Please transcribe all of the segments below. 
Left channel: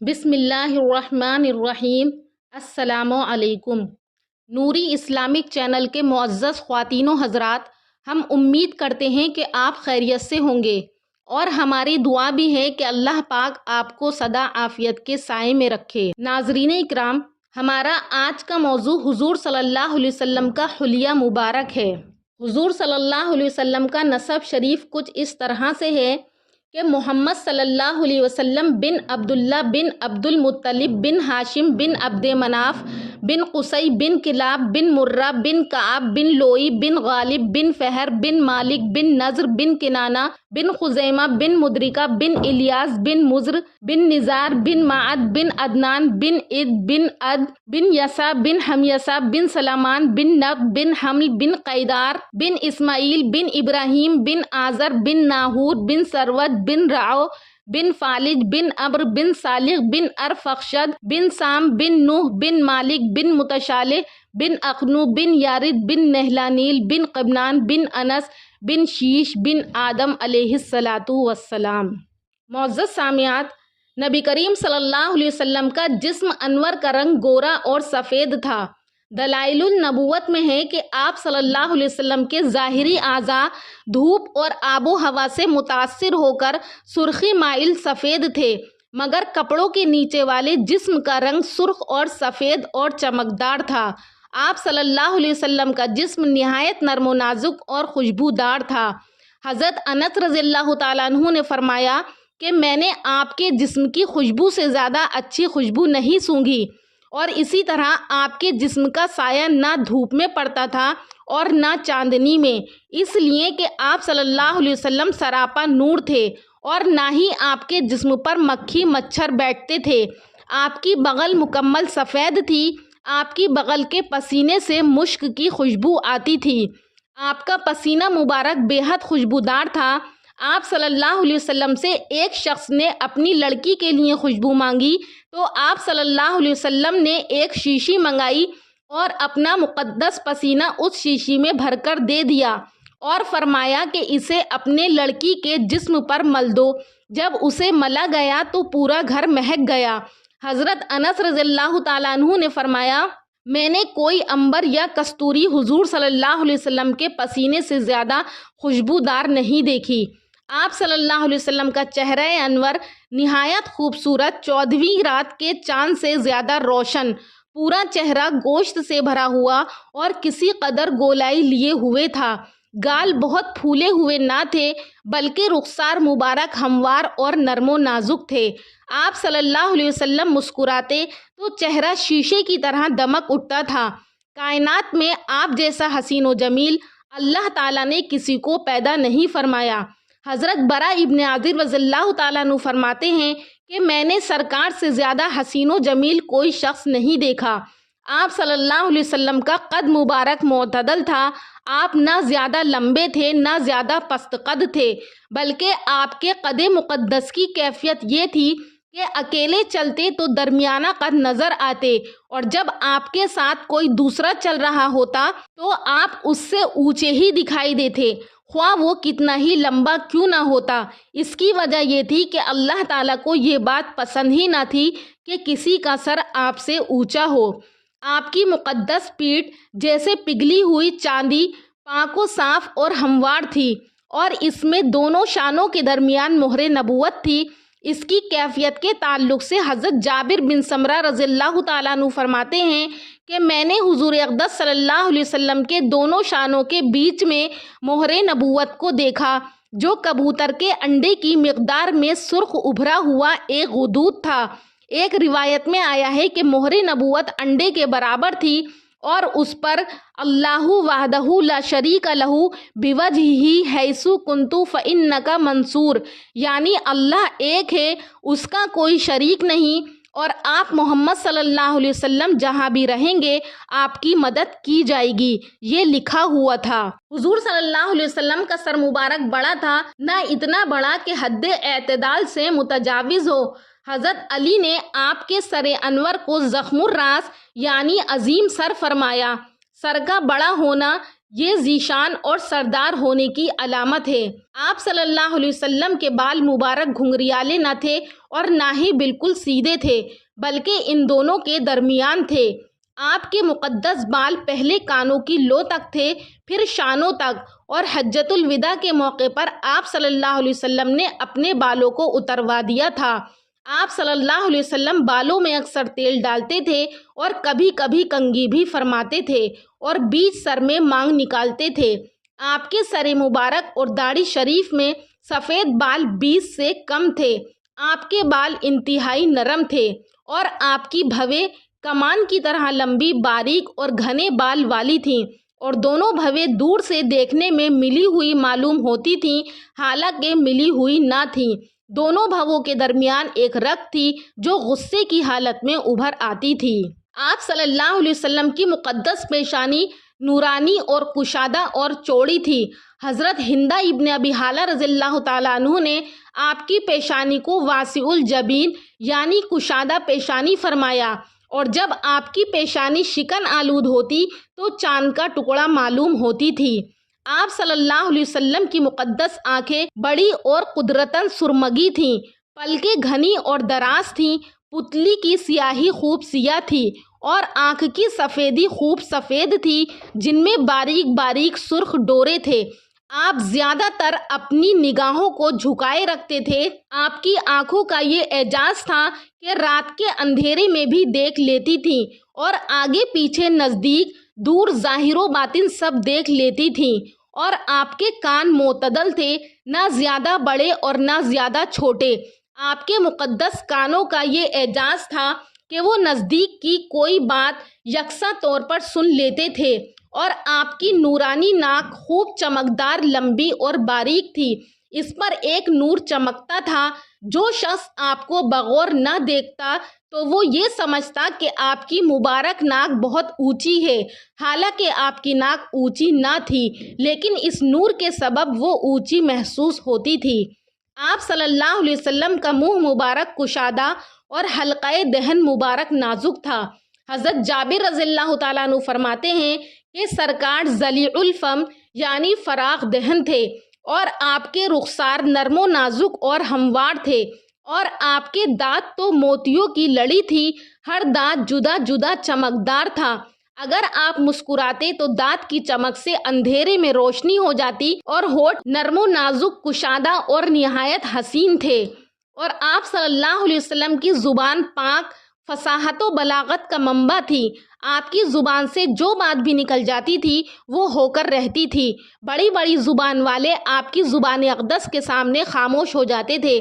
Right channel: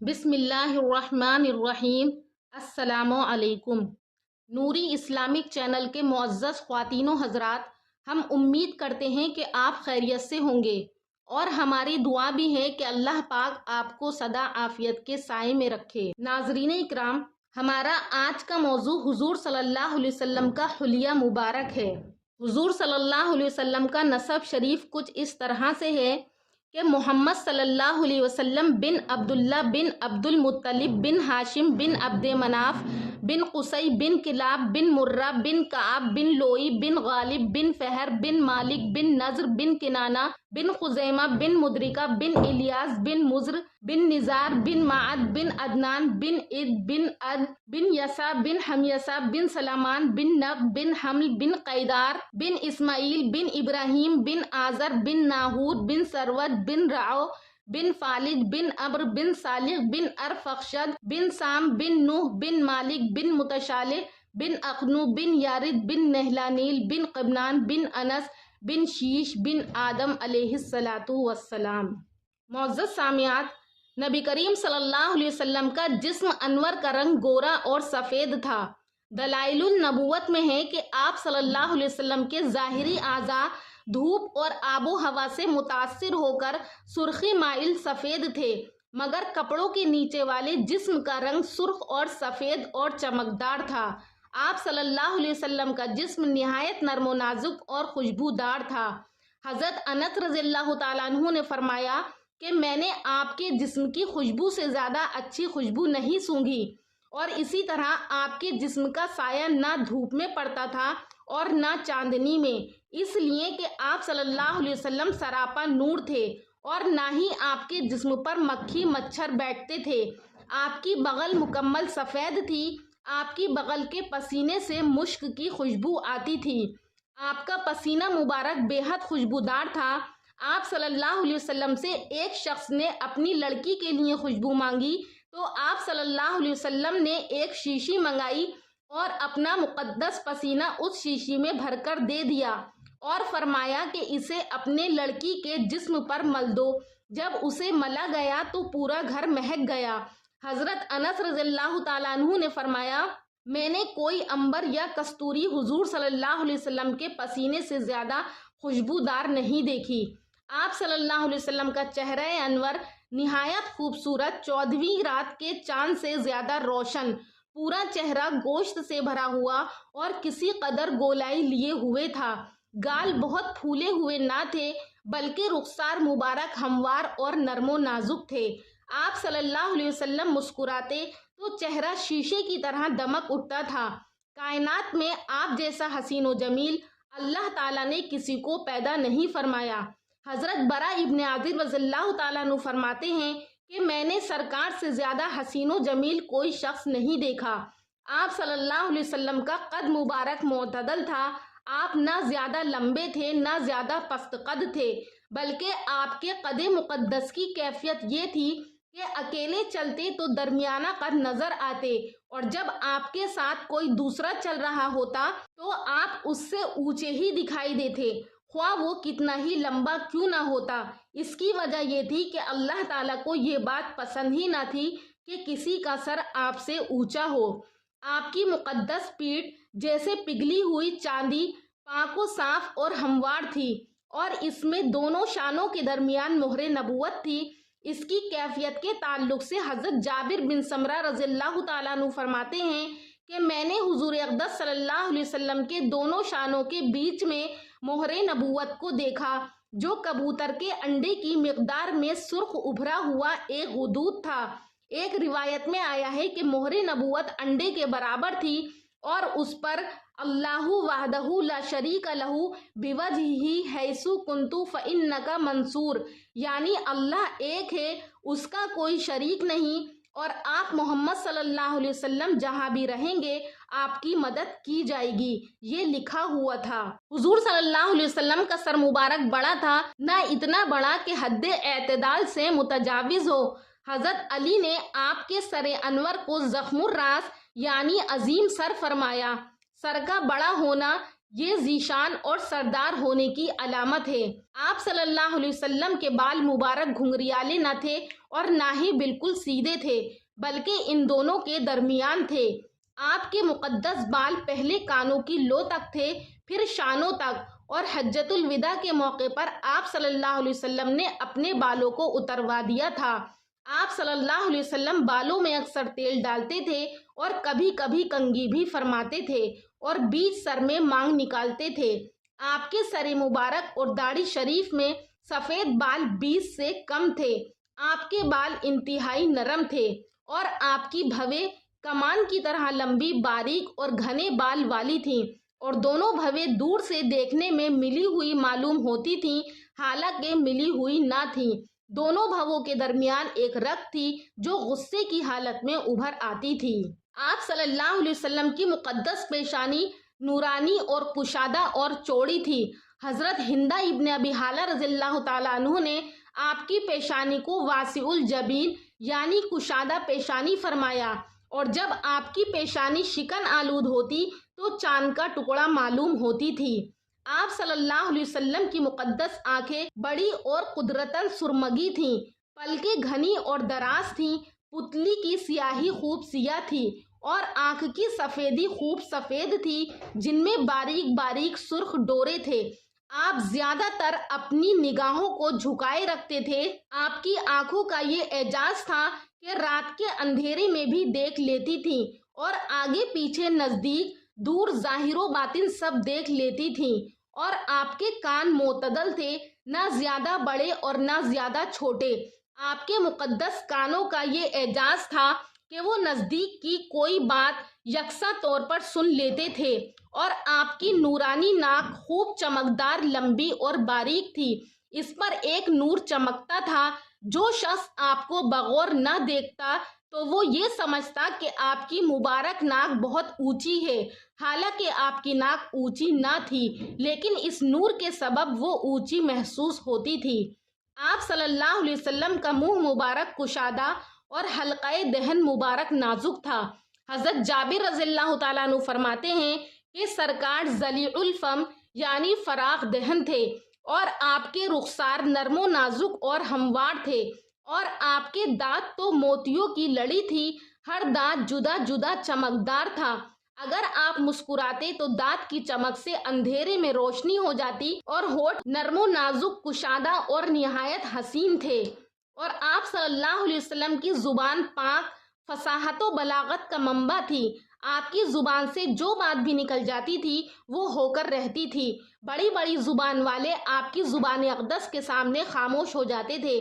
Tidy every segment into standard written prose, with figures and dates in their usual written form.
بسم اللہ الرحمن الرحیم۔ السلام علیکم۔ نوری اسلامک چینل کے معزز خواتین و حضرات، ہم امید کرتے ہیں کہ آپ خیریت سے ہوں گے اور ہماری دعا بھی ہے کہ اللہ پاک آپ کو سدا عافیت کے سائے میں رکھے۔ ناظرین اکرام، ہمارا آج کا موضوع حضور صلی اللہ علیہ وسلم کا حلیہ مبارک ہے۔ حضور صلی اللہ علیہ وسلم کا نسب شریف کچھ اس طرح سے ہے کہ محمد صلی اللہ علیہ وسلم بن عبداللہ بن عبد المطلب بن ہاشم بن عبد مناف بن قصی بن کلاب بن مرہ بن کعب بن لوئی بن غالب بن فہر بن مالک بن نضر بن کنانہ بن خزیمہ بن مدرکہ بن الیاس بن مزر بن نزار بن معد بن عدنان بن عد بن عد بن یسا بن حمیسہ بن سلامان بن نب بن حمل بن قیدار بن اسماعیل بن ابراہیم بن آزر بن ناہور بن سروت بن رعو بن فالج بن عمر بن صالح بن ارفخشد بن سام بن نوح بن مالک بن متشالح بن اقنو بن یارد بن نہلانیل بن قبنان بن انس بن شیش بن آدم علیہ السلام۔ معزز سامعات، نبی کریم صلی اللہ علیہ وسلم کا جسم انور کا رنگ گورا اور سفید تھا۔ دلائل النبوت میں ہے کہ آپ صلی اللہ علیہ وسلم کے ظاہری اعضاء دھوپ اور آب و ہوا سے متاثر ہو کر سرخی مائل سفید تھے، مگر کپڑوں کے نیچے والے جسم کا رنگ سرخ اور سفید اور چمکدار تھا۔ آپ صلی اللہ علیہ وسلم کا جسم نہایت نرم و نازک اور خوشبودار تھا۔ حضرت انس رضی اللہ تعالیٰ عنہ نے فرمایا کہ میں نے آپ کے جسم کی خوشبو سے زیادہ اچھی خوشبو نہیں سونگھی، اور اسی طرح آپ کے جسم کا سایہ نہ دھوپ میں پڑتا تھا اور نہ چاندنی میں، اس لیے کہ آپ صلی اللہ علیہ وسلم سراپا نور تھے، اور نہ ہی آپ کے جسم پر مکھی مچھر بیٹھتے تھے۔ آپ کی بغل مکمل سفید تھی، آپ کی بغل کے پسینے سے مشک کی خوشبو آتی تھی۔ آپ کا پسینہ مبارک بے حد خوشبودار تھا۔ آپ صلی اللہ علیہ وسلم سے ایک شخص نے اپنی لڑکی کے لیے خوشبو مانگی تو آپ صلی اللہ علیہ وسلم نے ایک شیشی منگائی اور اپنا مقدس پسینہ اس شیشی میں بھر کر دے دیا اور فرمایا کہ اسے اپنے لڑکی کے جسم پر مل دو۔ جب اسے ملا گیا تو پورا گھر مہک گیا۔ حضرت انس رضی اللہ تعالیٰ عنہ نے فرمایا، میں نے کوئی عنبر یا کستوری حضور صلی اللہ علیہ وسلم کے پسینے سے زیادہ خوشبودار نہیں دیکھی۔ آپ صلی اللہ علیہ وسلم کا چہرہ انور نہایت خوبصورت، 14ویں رات کے چاند سے زیادہ روشن، پورا چہرہ گوشت سے بھرا ہوا اور کسی قدر گولائی لیے ہوئے تھا۔ گال بہت پھولے ہوئے نہ تھے، بلکہ رخسار مبارک ہموار اور نرم و نازک تھے۔ آپ صلی اللہ علیہ وسلم مسکراتے تو چہرہ شیشے کی طرح دمک اٹھتا تھا۔ کائنات میں آپ جیسا حسین و جمیل اللہ تعالیٰ نے کسی کو پیدا نہیں فرمایا۔ حضرت برا ابن عازب رضی اللہ تعالیٰ عنہ فرماتے ہیں کہ میں نے سرکار سے زیادہ حسین و جمیل کوئی شخص نہیں دیکھا۔ آپ صلی اللہ علیہ وسلم کا قد مبارک معتدل تھا۔ آپ نہ زیادہ لمبے تھے نہ زیادہ پست قد تھے، بلکہ آپ کے قد مقدس کی کیفیت یہ تھی کہ اکیلے چلتے تو درمیانہ قد نظر آتے، اور جب آپ کے ساتھ کوئی دوسرا چل رہا ہوتا تو آپ اس سے اونچے ہی دکھائی دیتے، خواہ وہ کتنا ہی لمبا کیوں نہ ہوتا۔ اس کی وجہ یہ تھی کہ اللہ تعالیٰ کو یہ بات پسند ہی نہ تھی کہ کسی کا سر آپ سے اونچا ہو۔ آپ کی مقدس پیٹھ جیسے پگھلی ہوئی چاندی پاک و صاف اور ہموار تھی، اور اس میں دونوں شانوں کے درمیان مہر نبوت تھی۔ اس کی کیفیت کے تعلق سے حضرت جابر بن سمرہ رضی اللہ تعالیٰ عنہ فرماتے ہیں کہ میں نے حضور اقدس صلی اللہ علیہ وسلم کے دونوں شانوں کے بیچ میں مہر نبوت کو دیکھا، جو کبوتر کے انڈے کی مقدار میں سرخ ابھرا ہوا ایک غدود تھا۔ ایک روایت میں آیا ہے کہ مہر نبوت انڈے کے برابر تھی، اور اس پر اللہ وحدہ لا شریک لہ بوجہہ حیث کنت فانک منصور، یعنی اللہ ایک ہے، اس کا کوئی شریک نہیں، اور آپ محمد صلی اللہ علیہ وسلم جہاں بھی رہیں گے آپ کی مدد کی جائے گی، یہ لکھا ہوا تھا۔ حضور صلی اللہ علیہ وسلم کا سر مبارک بڑا تھا، نہ اتنا بڑا کہ حد اعتدال سے متجاوز ہو۔ حضرت علی نے آپ کے سر انور کو زخم الراس یعنی عظیم سر فرمایا۔ سر کا بڑا ہونا یہ ذیشان اور سردار ہونے کی علامت ہے۔ آپ صلی اللہ علیہ وسلم کے بال مبارک گھنگریالے نہ تھے اور نہ ہی بالکل سیدھے تھے، بلکہ ان دونوں کے درمیان تھے۔ آپ کے مقدس بال پہلے کانوں کی لو تک تھے، پھر شانوں تک، اور حجۃ الوداع کے موقع پر آپ صلی اللہ علیہ وسلم نے اپنے بالوں کو اتروا دیا تھا۔ آپ صلی اللہ علیہ وسلم بالوں میں اکثر تیل ڈالتے تھے اور کبھی کبھی کنگھی بھی فرماتے تھے اور بیچ سر میں مانگ نکالتے تھے۔ آپ کے سر مبارک اور داڑھی شریف میں سفید بال 20 سے کم تھے۔ آپ کے بال انتہائی نرم تھے اور آپ کی بھویں کمان کی طرح لمبی، باریک اور گھنے بال والی تھیں، اور دونوں بھویں دور سے دیکھنے میں ملی ہوئی معلوم ہوتی تھیں، حالانکہ ملی ہوئی نہ تھیں۔ دونوں بھووں کے درمیان ایک رگ تھی جو غصے کی حالت میں ابھر آتی تھی۔ آپ صلی اللہ علیہ وسلم کی مقدس پیشانی نورانی اور کشادہ اور چوڑی تھی۔ حضرت ہندہ ابن ابی حالہ رضی اللہ تعالیٰ عنہ نے آپ کی پیشانی کو واسع الجبین یعنی کشادہ پیشانی فرمایا، اور جب آپ کی پیشانی شکن آلود ہوتی تو چاند کا ٹکڑا معلوم ہوتی تھی۔ آپ صلی اللہ علیہ وسلم کی مقدس آنکھیں بڑی اور قدرتاً سرمگی تھیں، پلکیں گھنی اور دراز تھیں، پتلی کی سیاہی خوب سیاہ تھی اور آنکھ کی سفیدی خوب سفید تھی، جن میں باریک باریک سرخ ڈورے تھے۔ آپ زیادہ تر اپنی نگاہوں کو جھکائے رکھتے تھے۔ آپ کی آنکھوں کا یہ اعجاز تھا کہ رات کے اندھیرے میں بھی دیکھ لیتی تھیں اور آگے پیچھے نزدیک دور ظاہر و باطن سب دیکھ لیتی تھیں، اور آپ کے کان معتدل تھے، نہ زیادہ بڑے اور نہ زیادہ چھوٹے۔ آپ کے مقدس کانوں کا یہ اعجاز تھا کہ وہ نزدیک کی کوئی بات یکساں طور پر سن لیتے تھے، اور آپ کی نورانی ناک خوب چمکدار، لمبی اور باریک تھی۔ اس پر ایک نور چمکتا تھا۔ جو شخص آپ کو بغور نہ دیکھتا تو وہ یہ سمجھتا کہ آپ کی مبارک ناک بہت اونچی ہے، حالانکہ آپ کی ناک اونچی نہ تھی، لیکن اس نور کے سبب وہ اونچی محسوس ہوتی تھی۔ آپ صلی اللہ علیہ وسلم کا منہ مبارک کشادہ اور حلقۂ دہن مبارک نازک تھا۔ حضرت جابر رضی اللہ تعالیٰ عنہ فرماتے ہیں کہ سرکار ذلیع الفم یعنی فراخ دہن تھے، اور آپ کے رخسار نرم و نازک اور ہموار تھے، اور آپ کے دانت تو موتیوں کی لڑی تھی، ہر دانت جدا جدا چمکدار تھا۔ اگر آپ مسکراتے تو دانت کی چمک سے اندھیرے میں روشنی ہو جاتی، اور ہونٹ نرم و نازک، کشادہ اور نہایت حسین تھے، اور آپ صلی اللہ علیہ وسلم کی زبان پاک، فصاحت و بلاغت کا منبع تھی۔ آپ کی زبان سے جو بات بھی نکل جاتی تھی وہ ہو کر رہتی تھی۔ بڑی بڑی زبان والے آپ کی زبان اقدس کے سامنے خاموش ہو جاتے تھے۔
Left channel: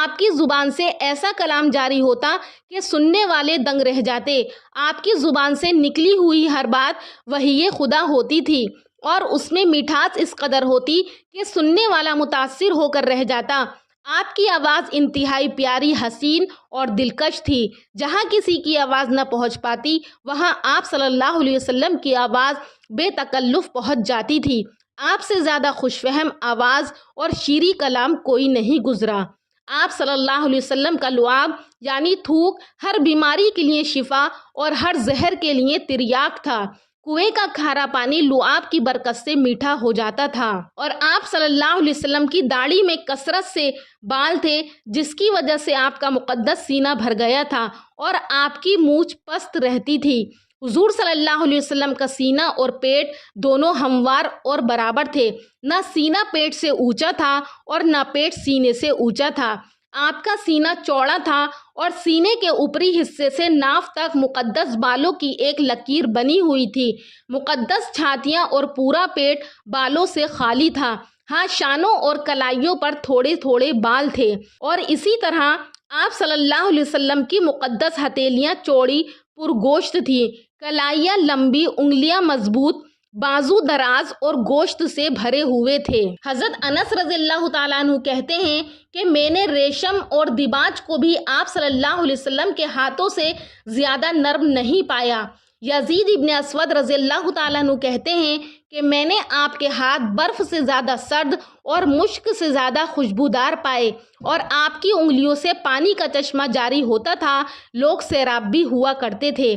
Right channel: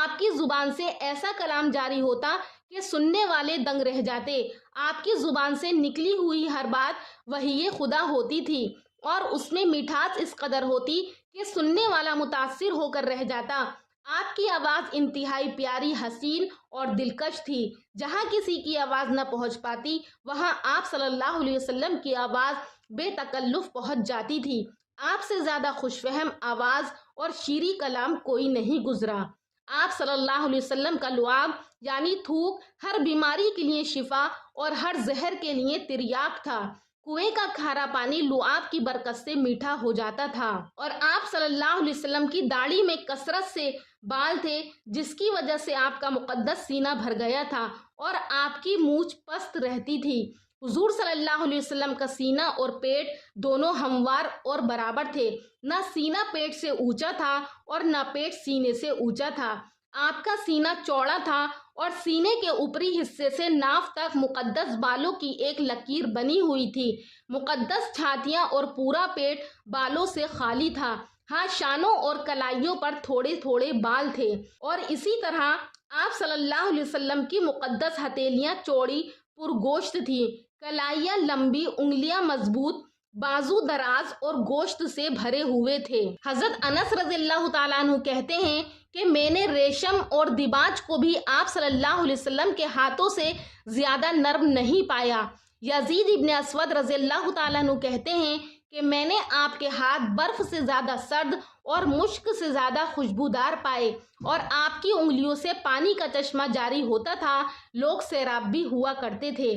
آپ کی زبان سے ایسا کلام جاری ہوتا کہ سننے والے دنگ رہ جاتے۔ آپ کی زبان سے نکلی ہوئی ہر بات وحی خدا ہوتی تھی، اور اس میں مٹھاس اس قدر ہوتی کہ سننے والا متاثر ہو کر رہ جاتا۔ آپ کی آواز انتہائی پیاری، حسین اور دلکش تھی۔ جہاں کسی کی آواز نہ پہنچ پاتی، وہاں آپ صلی اللہ علیہ وسلم کی آواز بے تکلف پہنچ جاتی تھی۔ آپ سے زیادہ خوش فہم آواز اور شیریں کلام کوئی نہیں گزرا۔ آپ صلی اللہ علیہ وسلم کا لعاب یعنی تھوک ہر بیماری کے لیے شفا اور ہر زہر کے لیے تریاق تھا۔ کنویں کا کھارا پانی لعاب کی برکت سے میٹھا ہو جاتا تھا، اور آپ صلی اللہ علیہ وسلم کی داڑھی میں کثرت سے بال تھے، جس کی وجہ سے آپ کا مقدس سینہ بھر گیا تھا اور آپ کی مونچھ پست رہتی تھی۔ حضور صلی اللہ علیہ وسلم کا سینہ اور پیٹ دونوں ہموار اور برابر تھے۔ نہ سینہ پیٹ سے اونچا تھا اور نہ پیٹ سینے سے اونچا تھا۔ آپ کا سینہ چوڑا تھا اور سینے کے اوپری حصے سے ناف تک مقدس بالوں کی ایک لکیر بنی ہوئی تھی۔ مقدس چھاتیاں اور پورا پیٹ بالوں سے خالی تھا۔ ہاں، شانوں اور کلائیوں پر تھوڑے تھوڑے بال تھے، اور اسی طرح آپ صلی اللہ علیہ وسلم کی مقدس ہتھیلیاں چوڑی پرگوشت تھیں، کلائیاں لمبی، انگلیاں مضبوط، بازو دراز اور گوشت سے بھرے ہوئے تھے۔ حضرت انس رضی اللہ تعالیٰ عنہ کہتے ہیں کہ میں نے ریشم اور دیباج کو بھی آپ صلی اللہ علیہ وسلم کے ہاتھوں سے زیادہ نرم نہیں پایا۔ یزید ابن اسود رضی اللہ تعالیٰ عنہ کہتے ہیں کہ میں نے آپ کے ہاتھ برف سے زیادہ سرد اور مشک سے زیادہ خوشبودار پائے، اور آپ کی انگلیوں سے پانی کا چشمہ جاری ہوتا تھا، لوگ سیراب بھی ہوا کرتے تھے۔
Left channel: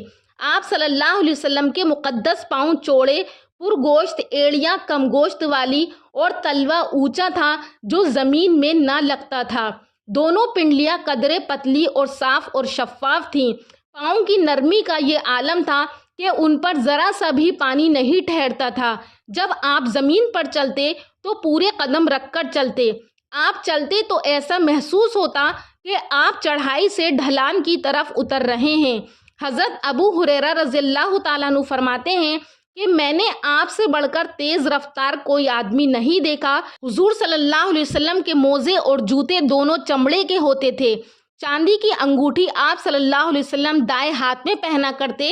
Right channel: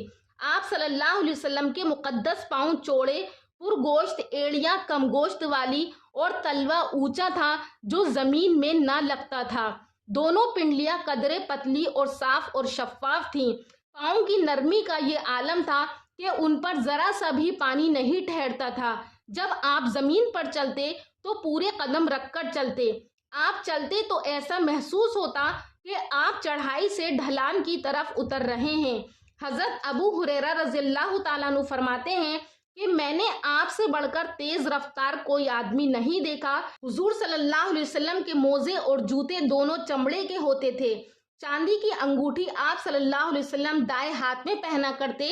آپ صلی اللہ علیہ وسلم کے مقدس پاؤں چوڑے، پرگوشت ایڑیاں کم گوشت والی اور تلوا اونچا تھا جو زمین میں نہ لگتا تھا۔ دونوں پنڈلیاں قدرے پتلی اور صاف اور شفاف تھیں۔ پاؤں کی نرمی کا یہ عالم تھا کہ ان پر ذرا سا بھی پانی نہیں ٹھہرتا تھا۔ جب آپ زمین پر چلتے تو پورے قدم رکھ کر چلتے۔ آپ چلتے تو ایسا محسوس ہوتا کہ آپ چڑھائی سے ڈھلان کی طرف اتر رہے ہیں۔ حضرت ابو ہریرہ رضی اللہ تعالیٰ عنہ فرماتے ہیں کہ میں نے آپ سے بڑھ کر تیز رفتار کوئی آدمی نہیں دیکھا۔ حضور صلی اللہ علیہ وسلم کے موزے اور جوتے دونوں چمڑے کے ہوتے تھے۔ چاندی کی انگوٹھی آپ صلی اللہ علیہ وسلم دائیں ہاتھ میں پہنا کرتے۔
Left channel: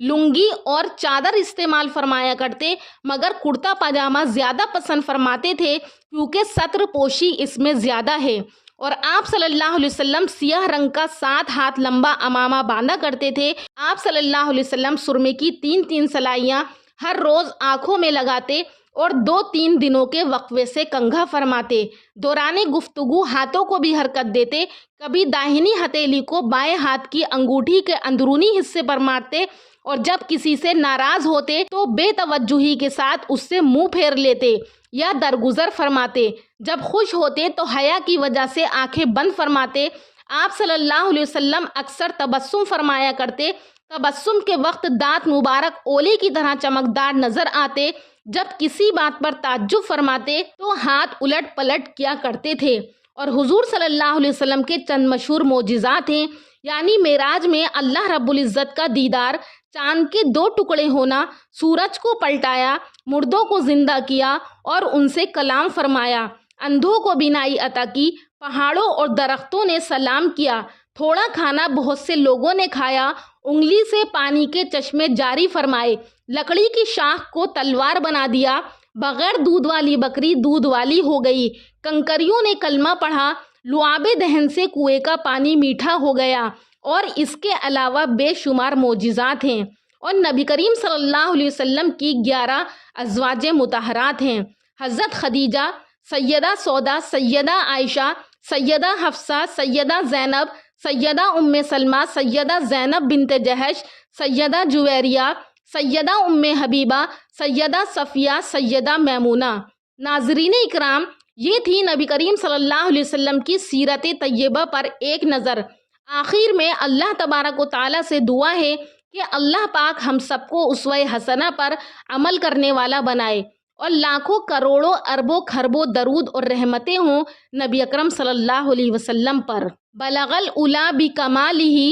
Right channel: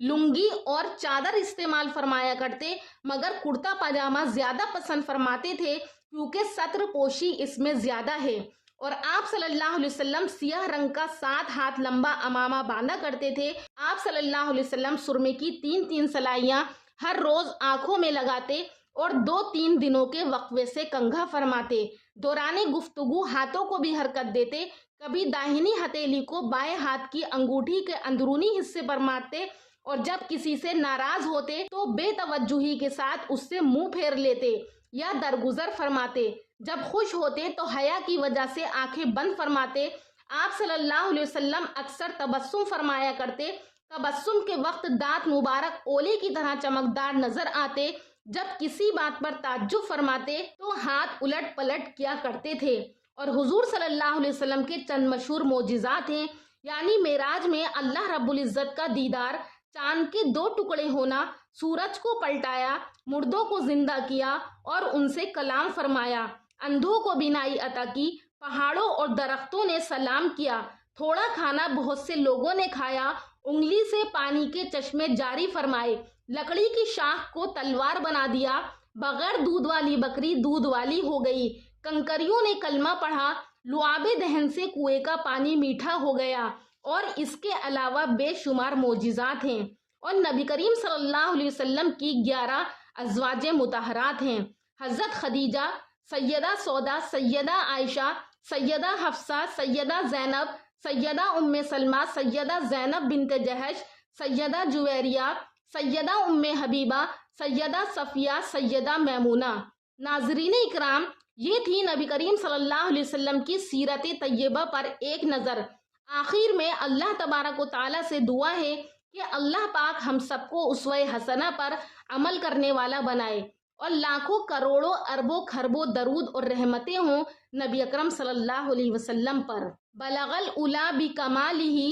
لنگی اور چادر استعمال فرمایا کرتے، مگر کرتا پاجامہ زیادہ پسند فرماتے تھے کیونکہ ستر پوشی اس میں زیادہ ہے۔ اور آپ صلی اللہ علیہ وسلم سیاہ رنگ کا 7 ہاتھ لمبا امامہ باندھا کرتے تھے۔ آپ صلی اللہ علیہ وسلم سرمے کی 3 سلائیاں ہر روز آنکھوں میں لگاتے اور 2-3 دنوں کے وقفے سے کنگھا فرماتے۔ دوران گفتگو ہاتھوں کو بھی حرکت دیتے، کبھی داہنی ہتھیلی کو بائیں ہاتھ کی انگوٹھی کے اندرونی حصے پر مارتے اور جب کسی سے ناراض ہوتے تو بے توجہی کے ساتھ اس سے منہ پھیر لیتے یا درگزر فرماتے۔ جب خوش ہوتے تو حیا کی وجہ سے آنکھیں بند فرماتے۔ آپ صلی اللہ علیہ وسلم اکثر تبسم فرمایا کرتے۔ تبسم کے وقت دانت مبارک اولے کی طرح چمکدار نظر آتے۔ جب کسی بات پر تعجب فرماتے تو ہاتھ الٹ پلٹ کیا کرتے تھے۔ اور حضور صلی اللہ علیہ وسلم کے چند مشہور معجزات ہیں، یعنی معراج میں اللہ رب العزت کا دیدار، چاند کے 2 ٹکڑے ہونا، سورج کو پلٹایا، مردوں کو زندہ کیا اور ان سے کلام فرمایا، اندھوں کو بینائی عطا کی، پہاڑوں اور درختوں نے سلام کیا، تھوڑا کھانا بہت سے لوگوں نے کھایا، انگلی سے پانی کے چشمے جاری فرمائے، لکڑی کی شاخ کو تلوار بنا دیا، بغیر دودھ والی بکری دودھ والی ہو گئی، کنکریوں نے کلمہ پڑھا، لعاب دہن سے کنویں کا پانی میٹھا ہو گیا، اور اس کے علاوہ بے شمار معجزات ہیں۔ اور نبی کریم صلی اللہ علیہ وسلم کی 11 ازواج مطہرات ہیں۔ حضرت خدیجہ، سیدہ سودا، سیدہ عائشہ، سیدہ حفصہ، سیدہ زینب، سیدہ ام سلمہ، سیدہ زینب بنت جہش، سیدہ جویریہ، سیدہ ام حبیبہ، سیدہ صفیہ، سیدہ میمونہ۔ ناظرین اکرام، یہ تھی نبی کریم صلی اللہ علیہ وسلم کی سیرت طیبہ پر ایک نظر۔ آخر میں اللہ تبارک و تعالیٰ سے دعا ہے کہ اللہ پاک ہم سب کو اسوہ حسنہ پر عمل کرنے والا بنائے اور لاکھوں کروڑوں اربوں خربوں درود اور رحمتیں ہوں نبی اکرم صلی اللہ علیہ وسلم پر۔ بلغ العلا بکمالہ،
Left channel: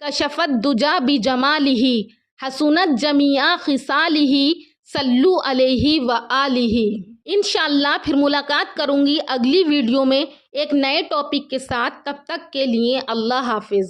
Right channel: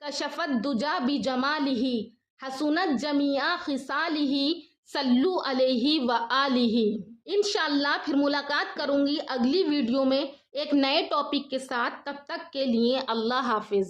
کشف الدجا بجمالہ، حسنت جمیع خصالہ، صلو علیہ وآلہ۔ انشاءاللہ پھر ملاقات کروں گی اگلی ویڈیو میں ایک نئے ٹاپک کے ساتھ۔ تب تک کے لیے اللہ حافظ۔